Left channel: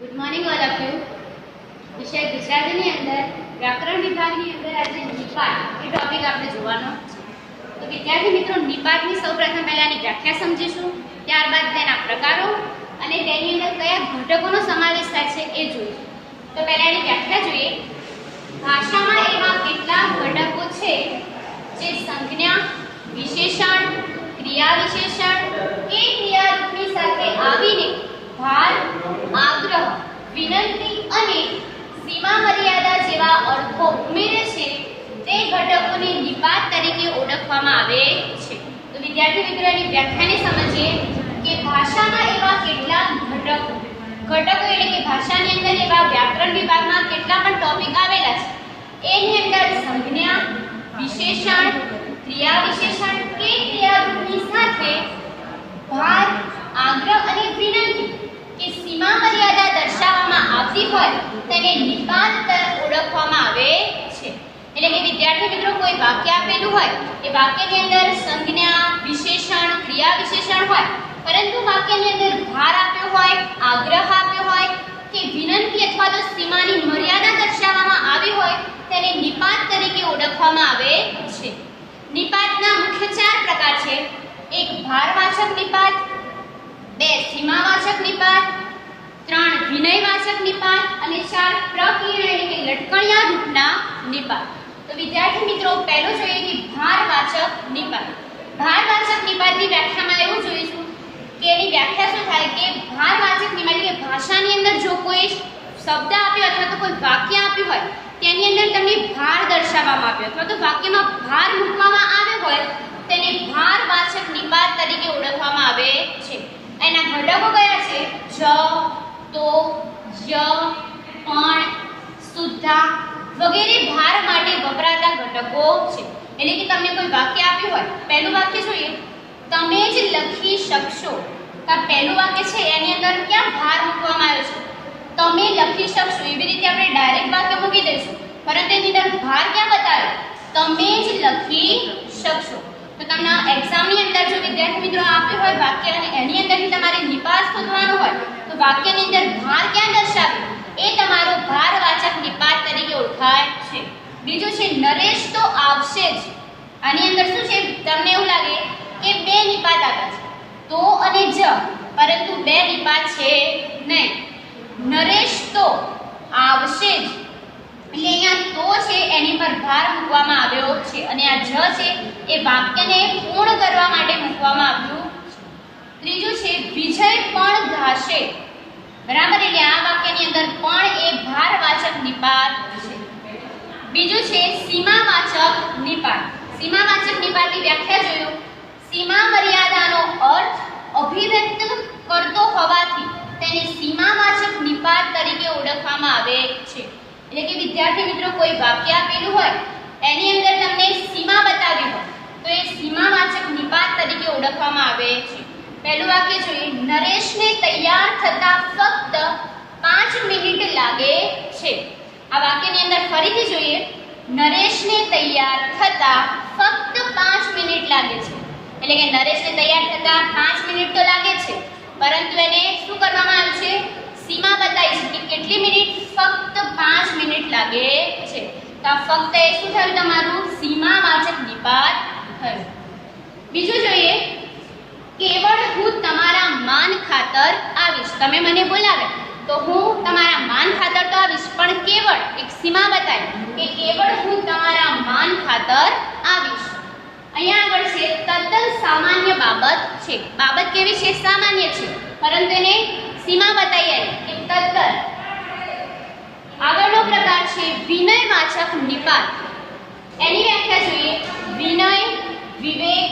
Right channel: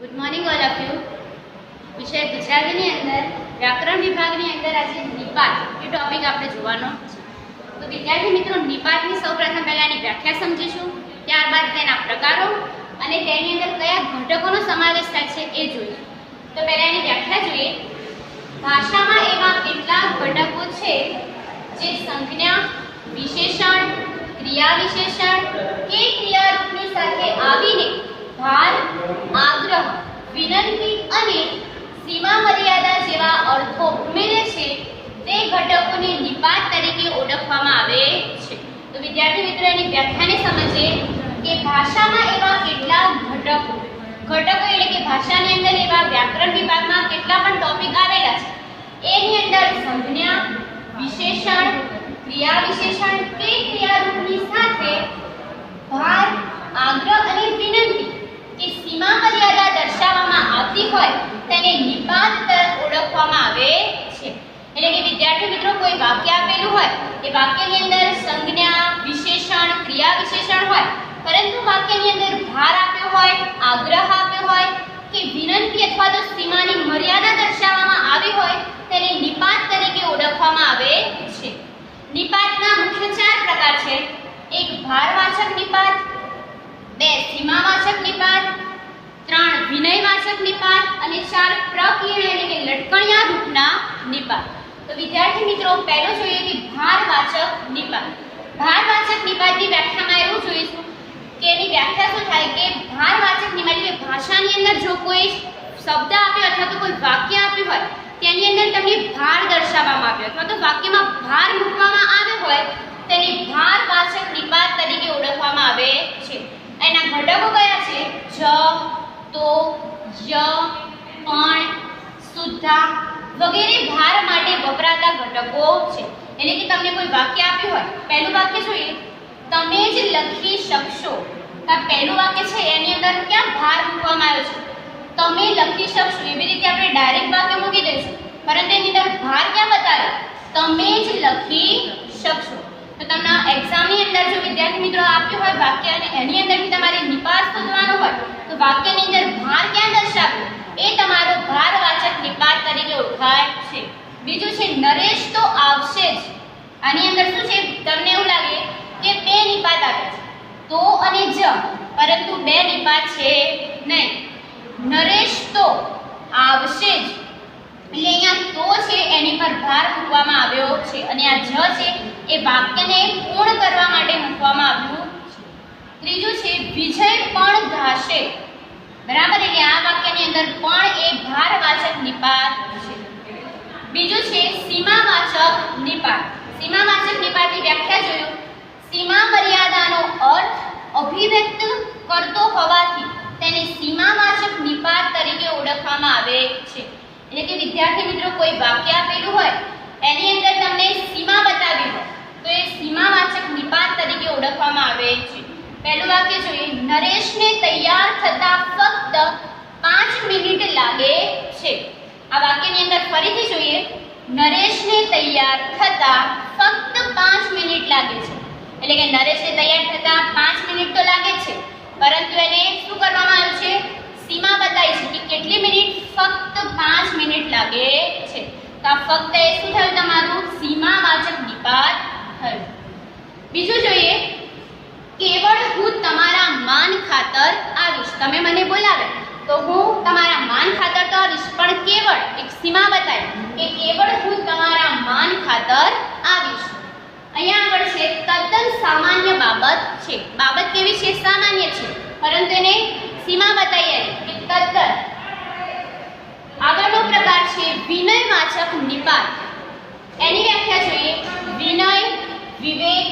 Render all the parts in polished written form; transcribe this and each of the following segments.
Good morning all of you. વિષય ગુજરાતીની અંદર વ્યાકરણ વિભાગની અંદર આજે નિપાત એ ટોપિક આપણે જોવાનો છે. તો વિદ્યાર્થી મિત્રો, નિપાતની સૌપ્રથમ પહેલાંની વ્યાખ્યા સમજીશું, ત્યારબાદ તેના પ્રકારો અને તેની અંદર કયા ઘટકોનો સમાવેશ થાય છે એ જોઈશું. તો પહેલાંની વ્યાખ્યા જોઈએ. ભાષામાં એવા કેટલાક ઘટકો છે જે સંજ્ઞા, વિશેષણ, ક્રિયા વિશેષણ કે ક્રિયારૂપની સાથે આવીને ભાર, આગ્રહ, વિનંતી અને સીમા મર્યાદા જેવા અર્થો ઉમેરે છે. તે ઘટકોને નિપાત તરીકે ઓળખવામાં આવે છે. તો વિદ્યાર્થી મિત્રોની વ્યાખ્યાને સમજીએ કે ભાષામાં એવા કેટલાક ઘટકો એટલે કે ભાષાની અંદર એવા વ્યાકરણ વિભાગમાં કેટલા પણ ટોપિક આવેલા છે એની અંદર સંજ્ઞા, વિશેષણ, ક્રિયા વિશેષણ કે ક્રિયારૂપની સાથે ભાર, આગ્રહ અને વિનંતી કે સીમા મર્યાદા દર્શાવવામાં આવતી હોય તેને નિપાત ઓળખવામાં આવે છે. એટલે કે વિદ્યાર્થી મિત્રો, કોઈ વાક્ય આપેલું હોય એ વાક્યની અંદર સંજ્ઞા, વિશેષણ, ક્રિયા વિશેષણ હોય, પરંતુ વાક્યની અંદર ભાર આપ્યો હોય, આગ્રહ આપ્યો હોય કે વિનંતી અથવા તો સીમાની મર્યાદા દર્શાવવામાં આવી હોય તેને નિપાત તરીકે ઓળખવામાં આવે છે. નિપાતના મુખ્ય 4 પ્રકાર છે. 1 ભારવાચક નિપાત, 2 સીમાવાચક નિપાત, 3 વિનયવાચક નિપાત અને 4 પ્રકીર્ણ એટલે કે લટકણિયા રૂપના નિપાત. તો વિદ્યાર્થી મિત્રો, પહેલો જોઈએ કે ભારવાચક નિપાત. ભારવાચક નિપાતની વ્યાખ્યામાં એવું જોઈશું કે એની વ્યાખ્યા શું થાય કે ભારવાચક નિપાત એટલે કે ભાષાની અંદર જો કોઈ શબ્દ આપ્યો અથવા તો કોઈ વાક્ય આપ્યું હોય તેની અંદર તમને ભાર દર્શાવવામાં આવ્યો અથવા તો વાક્યમાં ભાર મૂકવામાં આવ્યો હોય તેને ભારવાચક નિપાત તરીકે ઓળખવામાં આવે છે. એના ઘટકો કયા છે? જ, તો, ય, પણ, શુદ્ધા વગેરે ભાર માટે વપરાતા ઘટકો છે. એટલે કે તમને કોઈ વાક્ય આપ્યું હોય, પહેલું વાક્ય જોઈએ, તમે જ લખી શકશો. તો પહેલું વાક્ય છે એની અંદર ક્યાં ભાર મૂકવામાં આવ્યો છે? તમે લખી શકશો. એવી રીતે આપણે ડાયરેક્ટ વાક્ય મૂકી દઈશું, પરંતુ એની અંદર ભાર ક્યાં બતાવ્યો? તમે જ લખી શકશો. તો તમને એક્ઝામની અંદર જો વિદ્યાર્થી મિત્રો આપ્યું હોય વાક્ય અને એની અંદરથી તમારે નિપાત શોધવાનો હોય તો વાક્યની અંદર ભાર ક્યાં દર્શાવ્યો? એ તમારો ભારવાચક નિપાત તરીકે ઓળખાય છે. બીજું છે નરેશ તો આવશે જ. આની અંદર શું છે? તમને એવું લાગે કે 2 નિપાત આપ્યા છે, તો અને જ, પરંતુ 2 નિપાત છે નહીં. નરેશ તો આવશે જ એટલે અહીંયા તો છે એની પર ભાર મૂકવામાં આવ્યો છે અને આ જ છે એ વાક્યને પૂર્ણ કરવા માટે મૂકવામાં આવ્યું છે. ત્રીજું છે વિજય પણ ગાશે. બરાબર, એટલે આ વાક્યની અંદર પણ એ ભારવાચક નિપાત છે. બીજું છે સીમાવાચક નિપાત. સીમાવાચક નિપાતની વ્યાખ્યા જોયું. સીમા મર્યાદાનો અર્થ અભિવ્યક્ત કરતો હોવાથી તેને સીમાવાચક નિપાત તરીકે ઓળખવામાં આવે છે. એટલે કે વિદ્યાર્થી મિત્રો, કોઈ વાક્ય આપેલું હોય એની અંદર તમને સીમા બતાવી હોય તો એ સીમાવાચક નિપાત તરીકે ઓળખવામાં આવે છે. પહેલું વાક્ય જોઈએ, નરેશને તૈયાર થતા ફક્ત 5 મિનિટ લાગે છે. આ વાક્યની અંદર ફરીથી જોઈએ, નરેશને તૈયાર થતા ફક્ત 5 મિનિટ લાગે છે. એટલે કે નરેશને તૈયાર થતા 5 મિનિટ તો લાગે છે, પરંતુ એને શું કરવામાં આવ્યું છે? સીમા બતાવી છે કે કેટલી મિનિટ? ફક્ત 5 મિનિટ લાગે છે. તો આ ફક્ત એ શું થયું? તમારું સીમાવાચક નિપાત થયું. બીજું જોઈએ, કેવળ હું તમારા માન ખાતર આવીશ. તમે મને બોલાવે તો હું તમારા માન ખાતર તો આવીશ, પણ કેવળ એક સીમા બતાવી કે કેવળ હું તમારા માન ખાતર આવીશ. અહીંયા આગળ છે તદ્દન સામાન્ય બાબત છે. બાબત કેવી છે? સામાન્ય છે, પરંતુ એને સીમા બતાવી કે તદ્દન. આગળનો પ્રકાર છે વિનયવાચક નિપાત. એની વ્યાખ્યા જોઈએ. વિનય, વિવેક,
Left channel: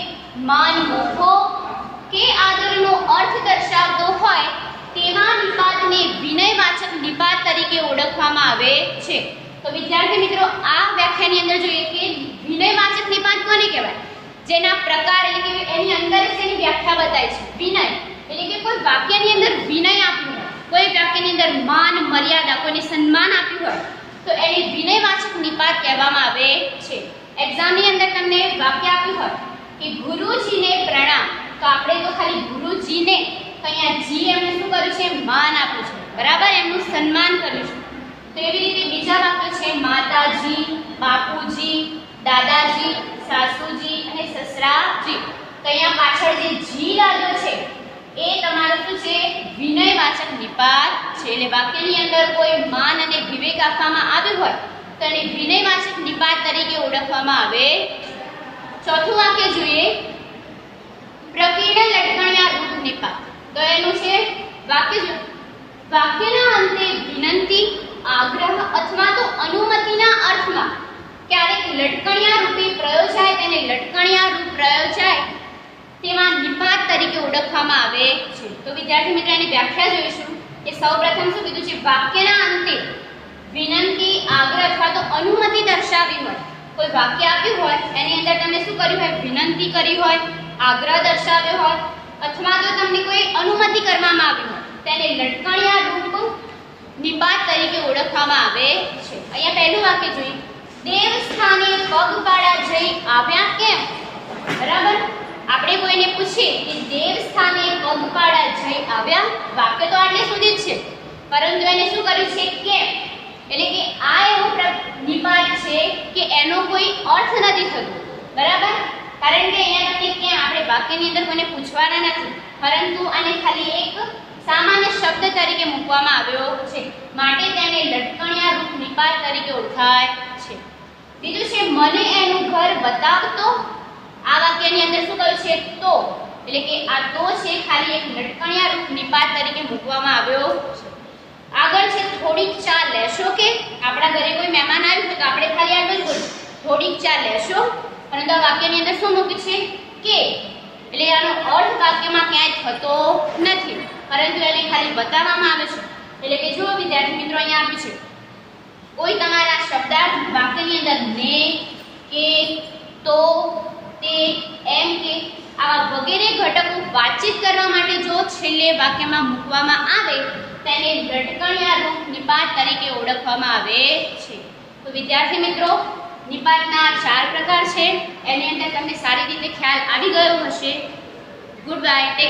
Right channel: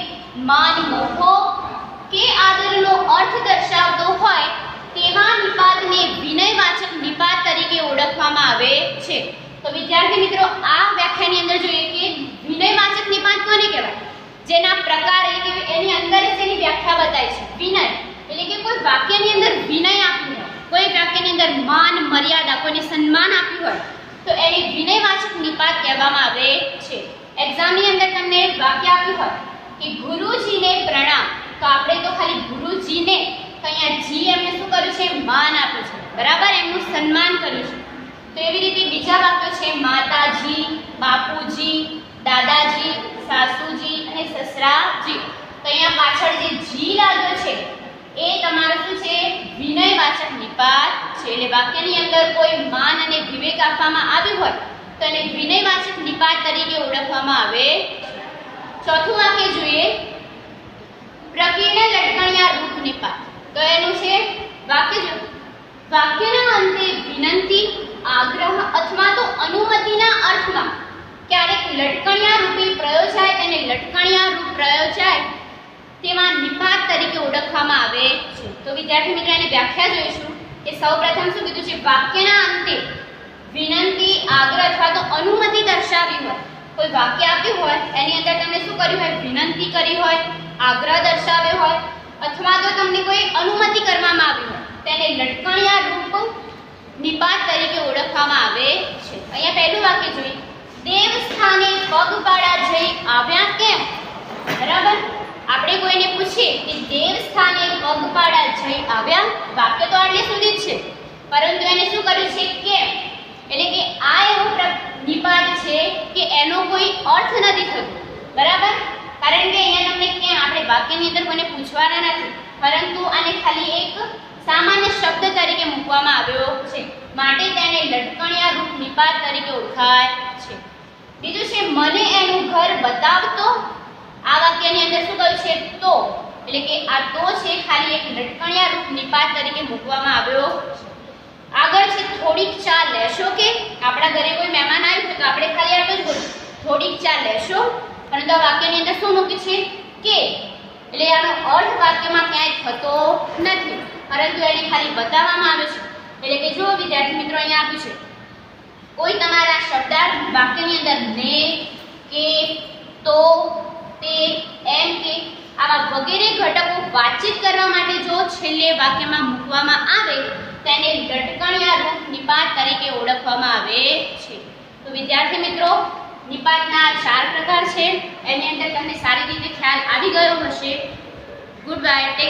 માન, મોભો કે આદરનો અર્થ દર્શાવતો હોય તેવા નિપાતને વિનયવાચક નિપાત તરીકે ઓળખવામાં આવે છે. તો વિદ્યાર્થી મિત્રો, આ વ્યાખ્યાની અંદર જોઈએ કે વિનયવાચક નિપાત કોને કહેવાય? જેના પ્રકાર એટલે કે એની અંદર તેની વ્યાખ્યા બતાવી છે. વિનય એટલે કે કોઈ વાક્યની અંદર વિનય આપ્યું હોય, કોઈ વાક્યની અંદર માન, મર્યાદા, કોઈને સન્માન આપ્યું હોય તો એને વિનયવાચક નિપાત કહેવામાં આવે છે. એક્ઝામની અંદર તમને વાક્ય આપ્યું હોય કે ગુરુજીને પ્રણામ, તો આપણે તો ખાલી ગુરુજીને, તો અહીંયા જી એમને શું કર્યું છે? માન આપ્યું છે. બરાબર, એમનું સન્માન કરીશું. તો એવી રીતે બીજા વાક્યો છે માતાજી, બાપુજી, દાદાજી, સાસુજી અને સસરાજી. તો અહીંયા પાછળ જે જી લાગ્યો છે એ તમારો શું છે? વિનયવાચક નિપાત છે. એટલે વાક્યની અંદર કોઈ માન અને વિવેક આપવામાં આવ્યું હોય તો એને વિનયવાચક નિપાત તરીકે ઓળખવામાં આવે. ચોથું વાક્ય જોઈએ, પ્રકીર્ણ લટકણિયા રૂપ નિપાત. તો એનું છે વાક્યના અંતે વિનંતી, આગ્રહ અથવા તો અનુમતિના અર્થમાં ક્યારેક લટકણિયા રૂપે પ્રયોજાય તેને લટકણિયા રૂપ પ્રયોજાય તેમાં નિપાત તરીકે ઓળખવામાં આવે છે. તો વિદ્યાર્થી મિત્રો એની વ્યાખ્યા જોઈશું કે સૌપ્રથમ શું કીધું છે? વાક્યના અંતે વિનંતી, આગ્રહ અથવા તો અનુમતિ દર્શાવી હોય, કોઈ વાક્ય આપ્યું હોય એની અંદર તમે શું કર્યું હોય? વિનંતી કરી હોય, આગ્રહ દર્શાવ્યો હોય અથવા તો તમને કોઈ અનુમતિ કરવામાં આવી હોય તેને લટકણિયા રૂપ નિપાત તરીકે ઓળખવામાં આવે છે. અહીંયા પહેલું વાક્ય જોઈએ, દેવ સ્થાને પગપાળા જઈ આવ્યા કેમ? બરાબર, આપણે કોઈને પૂછીએ કે દેવ સ્થાને પગપાળા જઈ આવ્યા, વાક્ય તો આટલે સુધી જ છે પરંતુ એને શું કર્યું છે? કેમ. એટલે કે આ એવો નિપાત છે કે એનો કોઈ અર્થ નથી થતો. બરાબર, કારણ કે અહીંયા તમને ક્યાં આપણે વાક્યની અંદર કોઈને પૂછવાના નથી પરંતુ આને ખાલી એક સામાન્ય શબ્દ તરીકે મૂકવામાં આવ્યો છે માટે તેને લટકણિયા રૂપ નિપાત તરીકે ઓળખાય છે. બીજું છે મને એનું ઘર બતાવતો. આ વાક્યની અંદર શું કહ્યું છે? તો. એટલે કે આ તો છે ખાલી એક લટકણિયા રૂપ નિપાત તરીકે મૂકવામાં આવ્યો છે. આગળ છે થોડીક ચા લેશો કે? આપણા ઘરે કોઈ મહેમાન આવ્યું તો આપણે ખાલી આટલું જ બોલ્યું થોડીક ચા લેશો, પરંતુ આ વાક્યની અંદર શું મૂક્યું છે? કે. એટલે આનો અર્થ વાક્યમાં ક્યાંય થતો નથી પરંતુ એને ખાલી બતાવવામાં આવે છે. એટલે કે જો વિદ્યાર્થી મિત્રો અહીંયા આપ્યું છે કોઈ તમારા શબ્દાર્થ વાક્યની અંદર ને, કે, તો, તે, એમ કે આવા વગેરે ઘટકો વાતચીત કરવા માટે જો છેલ્લે વાક્યમાં મૂકવામાં આવે તેને લટકણિયા રૂપ નિપાત તરીકે ઓળખવામાં આવે છે. તો વિદ્યાર્થી મિત્રો નિપાતના 4 પ્રકાર છે. એની અંદર તમને સારી રીતે ખ્યાલ આવી ગયો હશે. Good bye. ટેક